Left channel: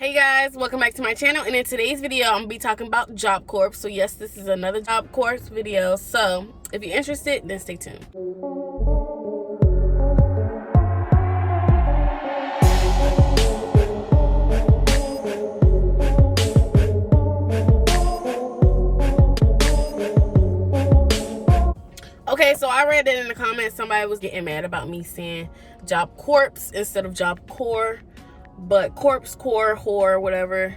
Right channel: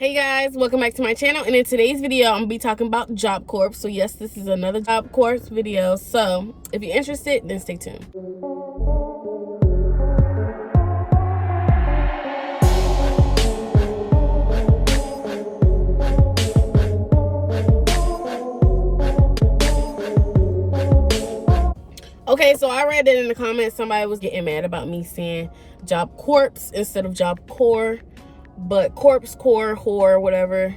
Hey guys, welcome back to my channel, and in today's video I'm gonna be talking about JobCorps. So yes, this is another JobCorps video, so if you're interested, then stay tuned. Okay, so I read that in the comments somebody was getting mad about me saying JobCorps instead of JobCorps, but corpse, core, whore, whatever,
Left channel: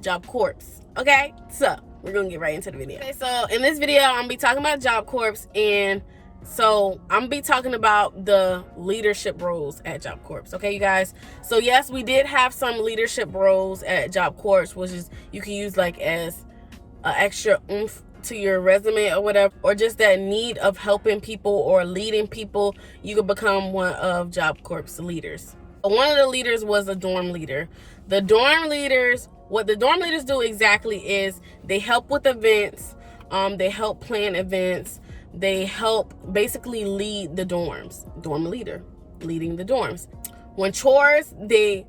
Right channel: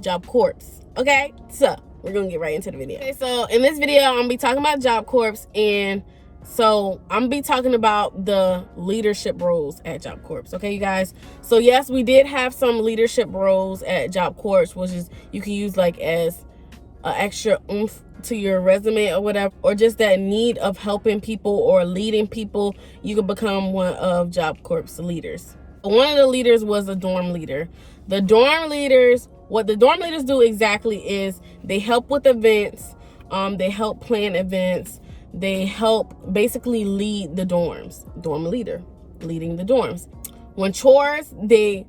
JobCorps. Okay, so we're gonna get right into the video. Okay, so in this video I'm gonna be talking about JobCorps, and so I'm gonna be talking about the leadership roles at JobCorps. Okay, you guys, so yes, we did have some leadership roles at JobCorps, which is you can use like as an extra oomph to your resume or whatever, or just that need of helping people or leading people. You could become one of JobCorps leaders. One of the leaders was a dorm leader. The dorm leaders, what the dorm leaders do exactly is they help with events, they help plan events, they help basically lead the dorms. Dorm leader, leading the dorms. When chores, they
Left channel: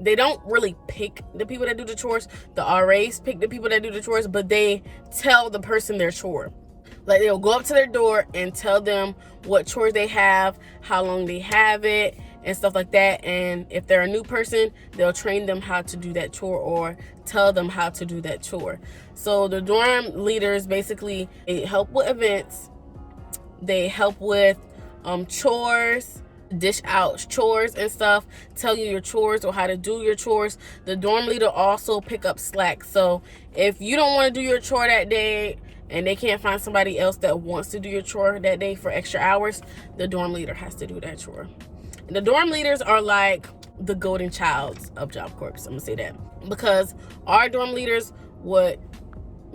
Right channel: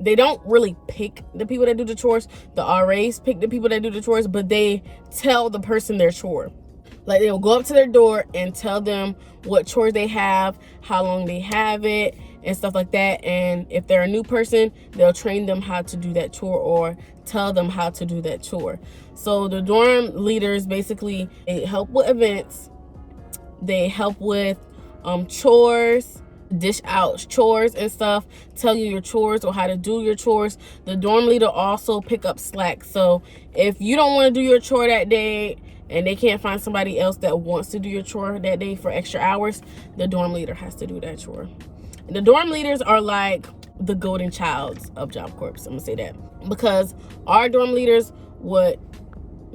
don't really pick the people that do the chores. The RAs pick the people that do the chores, but they tell the person their chore. Like, they'll go up to their door and tell them what chores they have, how long they have it, and stuff like that. And if they're a new person, they'll train them how to do that chore or tell them how to do that chore. So the dorm leaders basically, they help with events, they help with chores, dish out chores and stuff, tell you your chores or how to do your chores. The dorm leader also pick up slack. So if you don't want to do your chore that day and they can't find somebody else that wants to do your chore that day for extra hours, the dorm leader has to do that chore. And the dorm leaders are like the golden childs of JobCorps. I'm gonna say that because our dorm leaders would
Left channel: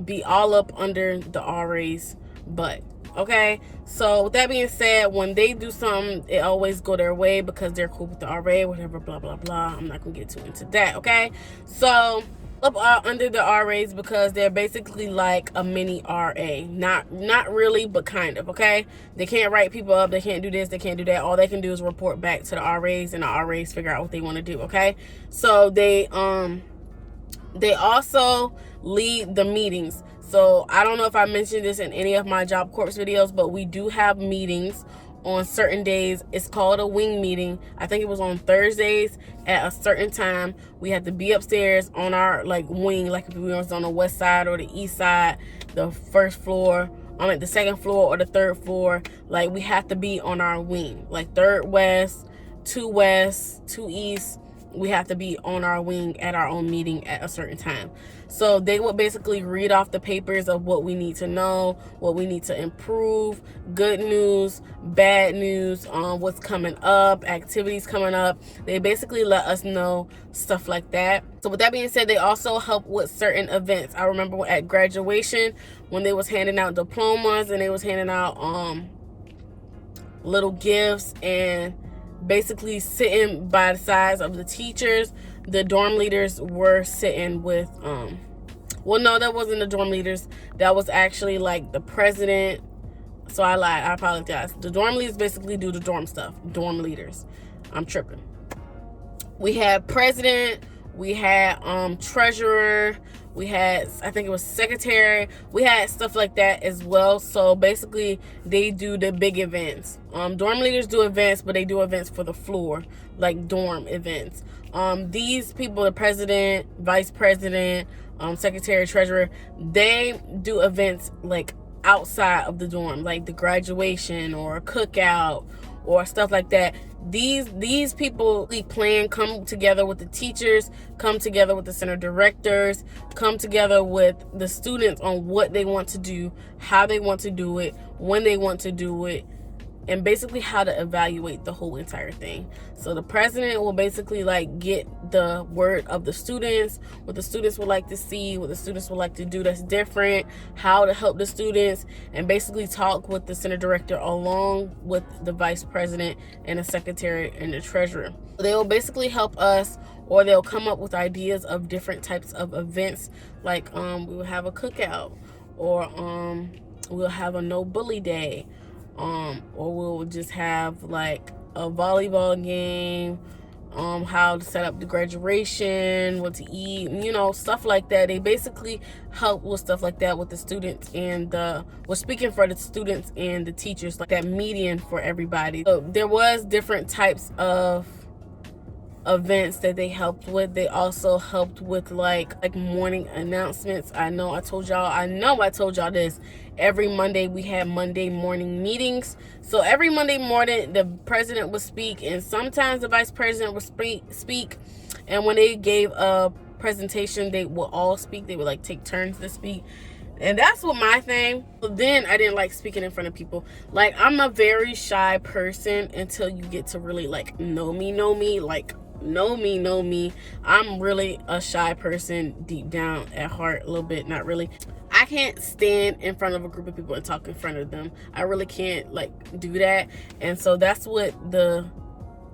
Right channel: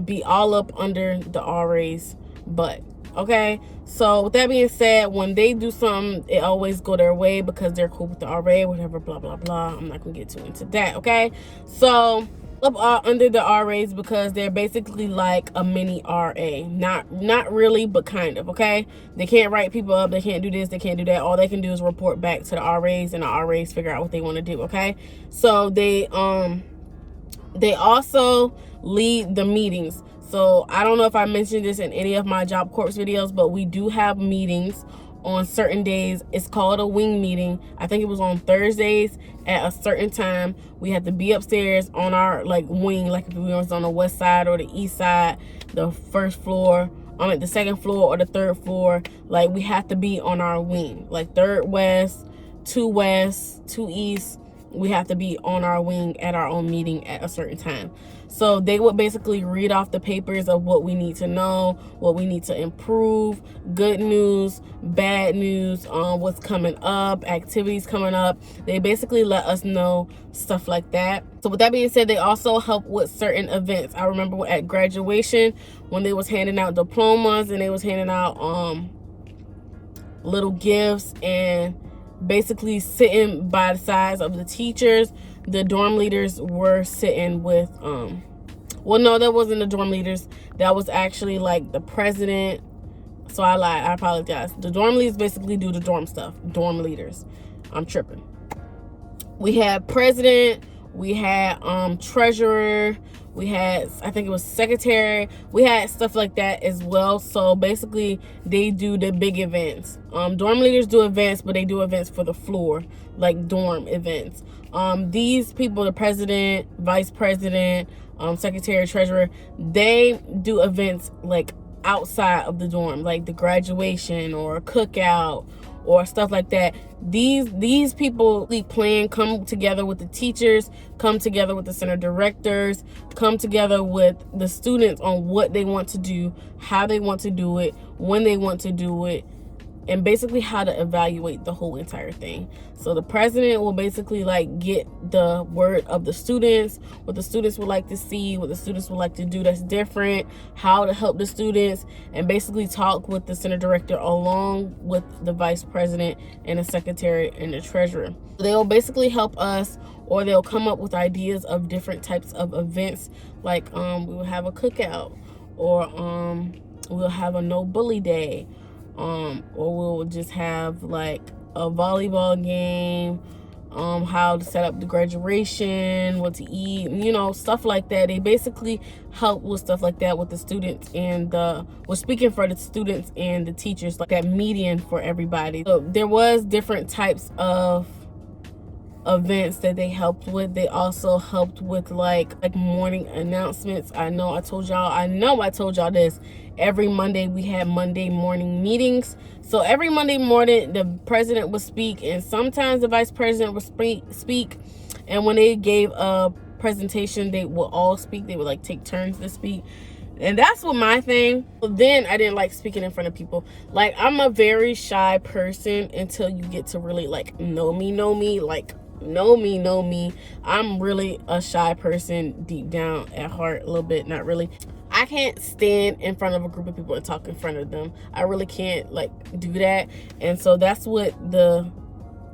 be all up under the RA's butt. Okay, so with that being said, when they do something, it always go their way because they're cool with the RA, whatever, blah blah blah. I'm not gonna get too into that. Okay, so up under the RAs because they're basically like a mini RA. Not really, but kind of. Okay, they can't write people up, they can't do this, they can't do that. All they can do is report back to the RAs, and the RAs figure out what they want to do. Okay, so they also lead the meetings. So I don't know if I mentioned this in any of my JobCorps videos, but we do have meetings on certain days. It's called a wing meeting. I think it was on Thursdays at a certain time. We had to be upstairs on our like wing, like if we was on the west side or the east side, the first floor, at the second floor or the third floor. Like, we have to be on our wing, like third west, two east. We have to be on our wing at our own meeting at a certain time. So they would basically read off the papers of what we need to know, what we need to improve, good news, bad news, what's coming up, activities coming up. They basically let us know stuff like that. So with that being said, they also help with certain events. I remember at graduation when they was handing out diplomas and they was handing out little gifts and basically sitting by the sides of the teachers. The dorm leaders were sitting with well, no, that wasn't the dorm leaders, that was actually like the president. So I lied, I apologize. The dorm leaders basically do the dorm stuff. Dorm leaders, I'm tripping. We had president, we had treasurer, we had, I think it was secretary, we had stuff like that as well. So basically they do the big events. Dorm leaders do events, but they do events for the floor, like dorm events. These people, the president, vice president, secretary, treasurer, they do events like outside of the dorm, like the graduation or a cookout or stuff like that. These people plan, come together with the teachers, come together with the center directors, come together with the students on what they want to do, how they want to do it, when they want to do it, and basically how to evaluate the whole entire thing. So the president will basically like get the word of the students, what the students would like to see, what the students would like to do that's different, how to help the students, and basically talk with the center director along with the vice president and the secretary and the treasurer. They will basically help us, or they'll come up with ideas of different types of events, like we will have a cookout, or we'll have a no bully day, or we'll just have like a volleyball game, how to set up the graduation, what to eat, stuff like that. They basically help with stuff like that with the students and speaking for the students and the teachers, like that median for everybody. So there was different types of events that they helped with. They also helped with like morning announcements. I know I told y'all this. Every Monday we had Monday morning meetings. So every Monday morning the president would speak, and sometimes the vice president would speak. And when they gave a presentation, they would all speak. They would like take turns to speak. And that's what my thing. Then I didn't like speaking in front of people. Like, I'm a very shy person until you get to really like know me. Like, know me. I'm really a shy person deep down at heart, a little bit, not really. I can't stand in front of a group of people and talk in front of them. I really can't like do that. And so that's what the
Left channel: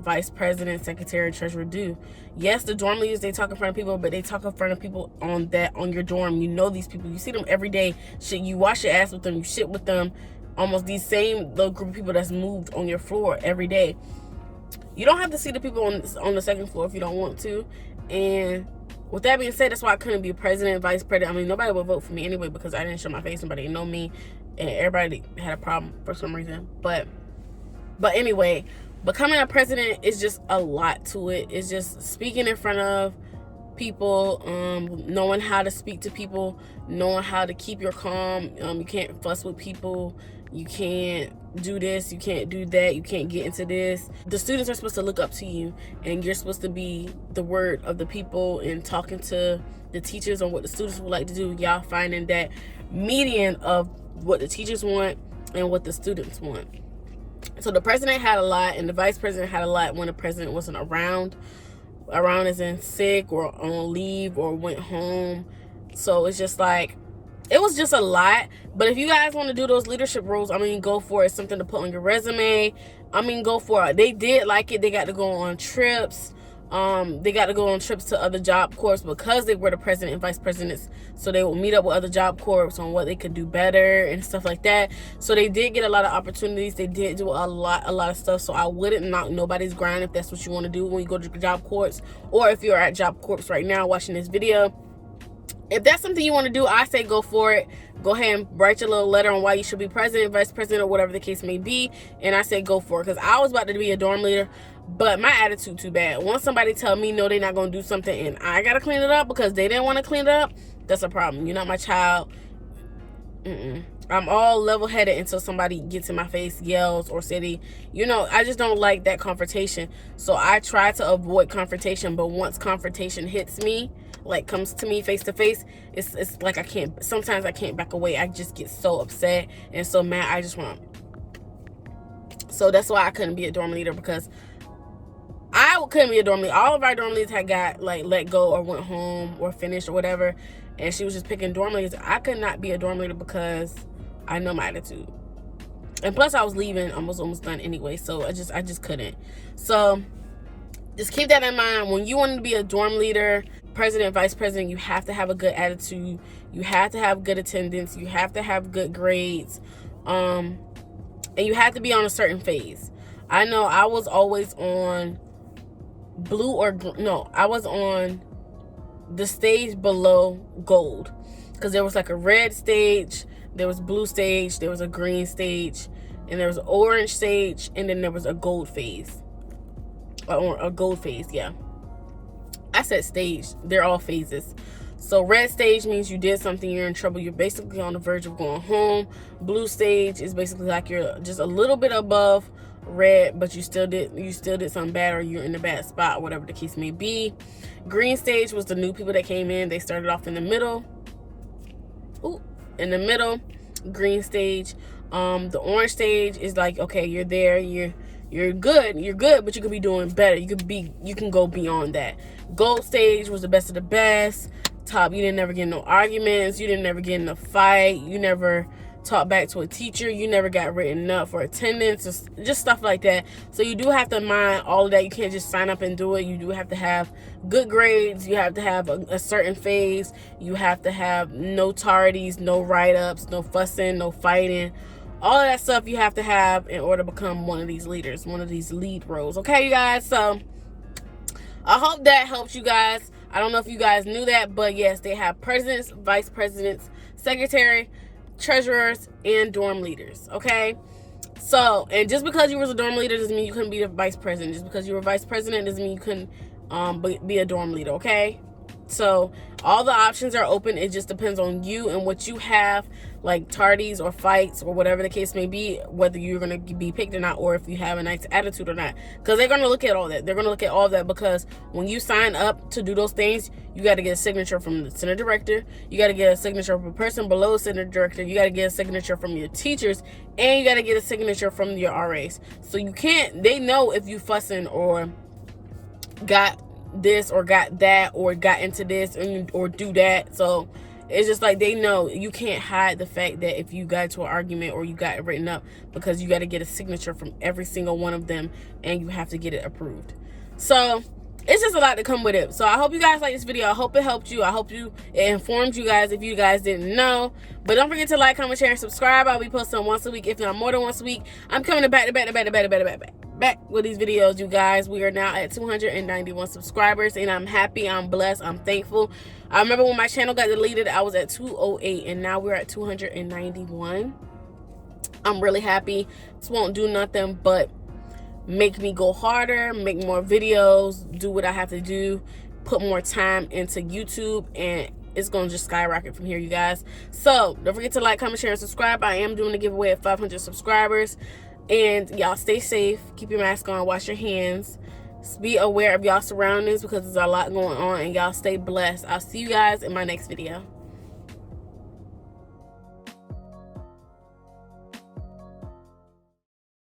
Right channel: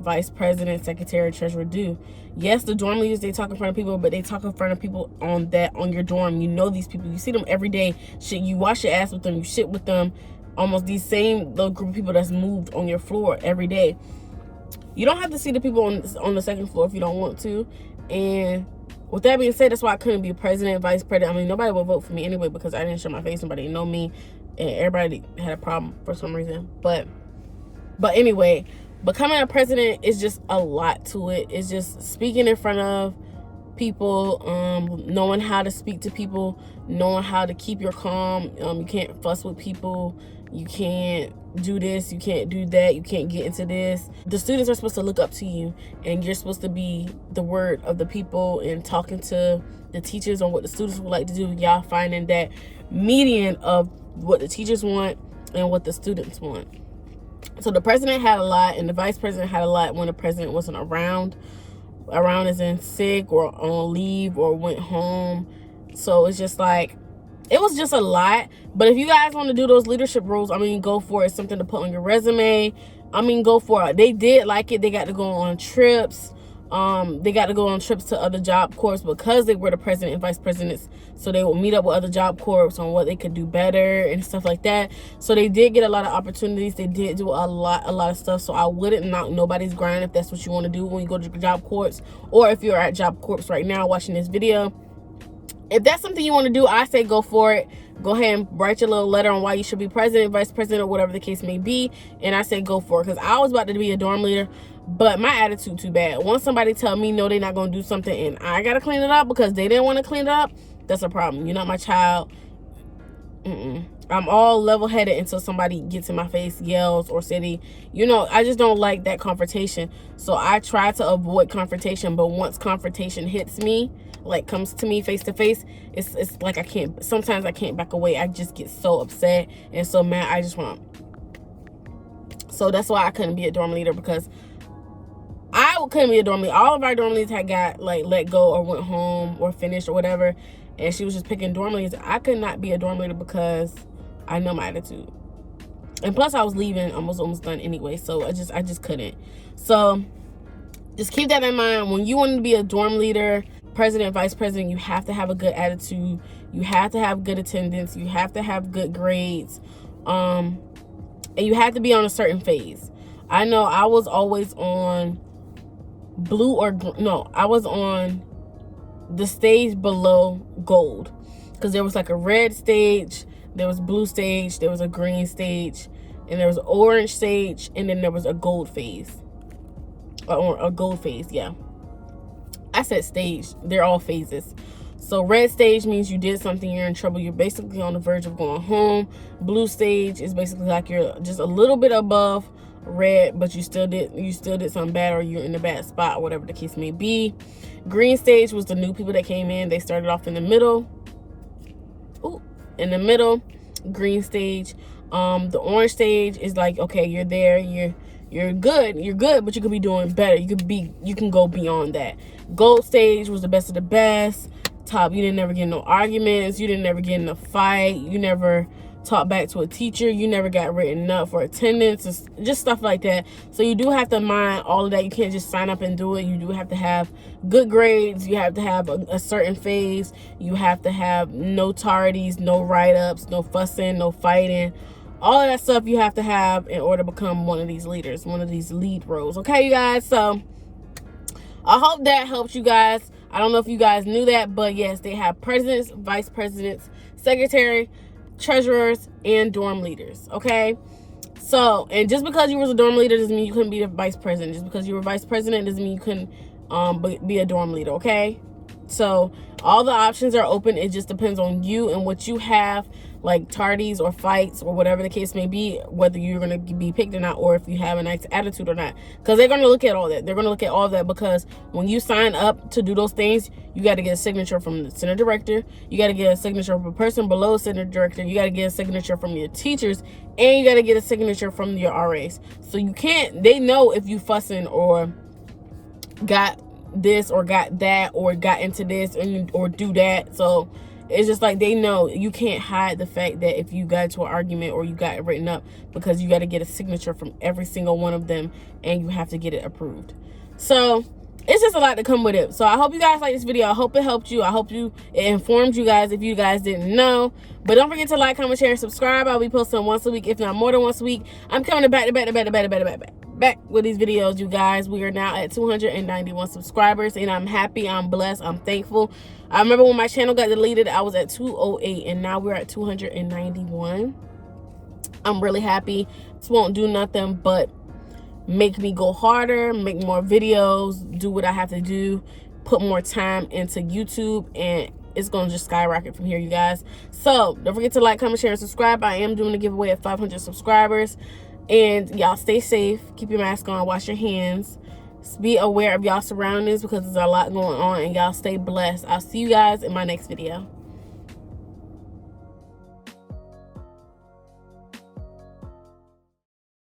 vice president, secretary, treasurer do. Yes, the dorm leaders, they talk in front of people, but they talk in front of people on your dorm. You know these people, you see them every day. Shit, you wash your ass with them, you shit with them. Almost these same little group of people that's moved on your floor every day. You don't have to see the people on the second floor if you don't want to. And with that being said, that's why I couldn't be a president, vice president. I mean, nobody would vote for me anyway because I didn't show my face. Nobody know me, and everybody had a problem for some reason. But anyway, becoming a president is just a lot to it. It's just speaking in front of people, knowing how to speak to people, knowing how to keep your calm. You can't fuss with people. You can't do this, you can't do that, you can't get into this. The students are supposed to look up to you, and you're supposed to be the word of the people and talking to the teachers on what the students would like to do. Y'all finding that median of what the teachers want and what the students want. So the president had a lot, and the vice president had a lot when the president wasn't around. Around as in sick or on leave or went home. So it's just like, it was just a lot. But if you guys want to do those leadership roles, I mean, go for it. It's something to put on your resume. I mean, go for it. They did like it. They got to go on trips. They got to go on trips to other JobCorps because they were the president and vice presidents. So they would meet up with other JobCorps on what they could do better and stuff like that. So they did get a lot of opportunities. They did do a lot of stuff. So I wouldn't knock nobody's grind if that's what you want to do when you go to JobCorps, or if you're at JobCorps right now watching this video. If that's something you want to do, I say go for it. Go ahead and write your little letter on why you should be president, vice president, or whatever the case may be. And I say go for it, because I was about to be a dorm leader, but my attitude too bad. Once somebody tell me no, they're not going to do something and I got to clean it up because they didn't want to clean it up, that's a problem. You're not my child. I'm all level-headed until somebody gets in my face, yells, or say I just don't like that confrontation. So I try to avoid confrontation, but once confrontation hits me, like comes to me face to face, it's like sometimes I can't back away. I just get so upset and so mad. I just want. So that's why I couldn't be a dorm leader, because I couldn't be a dorm leader. All of our dorm leaders had got like let go or went home or finished or whatever, and she was just picking dorm leaders. I could not be a dorm leader because I know my attitude, and plus I was leaving. I was almost done anyway, so I just couldn't. So just keep that in mind. When you want to be a dorm leader, president, vice president, you have to have a good attitude. You have to have good attendance. You have to have good grades, and you have to be on a certain phase. I know I was always on blue or no, I was on the stage below gold, because there was like a red stage, there was blue stage, there was a green stage, and there was an orange stage, and then there was a gold phase, or a gold phase. Yeah, I said stage, they're all phases. So red stage means you did something, you're in trouble, you're basically on the verge of going home. Blue stage is basically like you're just a little bit above red, but you still did something bad, or you're in a bad spot, or whatever the case may be. Green stage was the new people that came in. They started off in the middle. Green stage. The orange stage is like, okay, you're there, you're good, but you could be doing better. You can go beyond that. Gold stage was the best of the best. Top, you didn't never get in no arguments, you didn't never get in a fight, you never talked back to a teacher, you never got written up for attendance, just stuff like that. So you do have to mind all of that. You can't just sign up and do it. You do have to have good grades. You have to have a certain phase. You have to have no tardies, no write-ups, no fussing, no fighting. All of that stuff you have to have in order to become one of these leaders, one of these lead roles. Okay, you guys? So I hope that helps you guys. I don't know if you guys knew that, but yes, they have presidents, vice presidents, secretary, treasurers, and dorm leaders. Okay. So, and just because you was a dorm leader doesn't mean you couldn't be the vice president. Just because you were vice president doesn't mean you couldn't be a dorm leader. Okay. So all the options are open. It just depends on you and what you have, like tardies or fights or whatever the case may be, whether you're going to be picked or not, or if you have a nice attitude or not. Because they're going to look at all that. They're going to look at all that, because when you sign up to do those things, you got to get a signature from the center director. You got to get a signature from a person below the center director. You got to get a signature from your teachers, and you got to get a signature from your RAs. So you can't, they know if you fussing or got this or got that or got into this or do that. So it's just like they know you can't hide the fact that if you got into an argument or you got it written up, because you got to get a signature from every single one of them, and you have to get it approved. So it's just a lot to come with it. So I hope you guys like this video. I hope it helped you. I hope it informed you guys if you guys didn't know. But don't forget to like, comment, share, and subscribe. I'll be posting once a week, if not more than once a week. I'm coming back with these videos, you guys. We are now at 291 subscribers, and I'm happy, I'm blessed, I'm thankful. I remember when my channel got deleted, I was at 208, and now we're at 291. I'm really happy. This won't do nothing but make me go harder, make more videos, do what I have to do, put more time into YouTube, and it's gonna just skyrocket from here, you guys. So don't forget to like, comment, share, and subscribe. I am doing a giveaway at 500 subscribers. And y'all stay safe, keep your mask on, wash your hands, be aware of y'all surroundings, because there's a lot going on, and y'all stay blessed. I'll see you guys in my next video.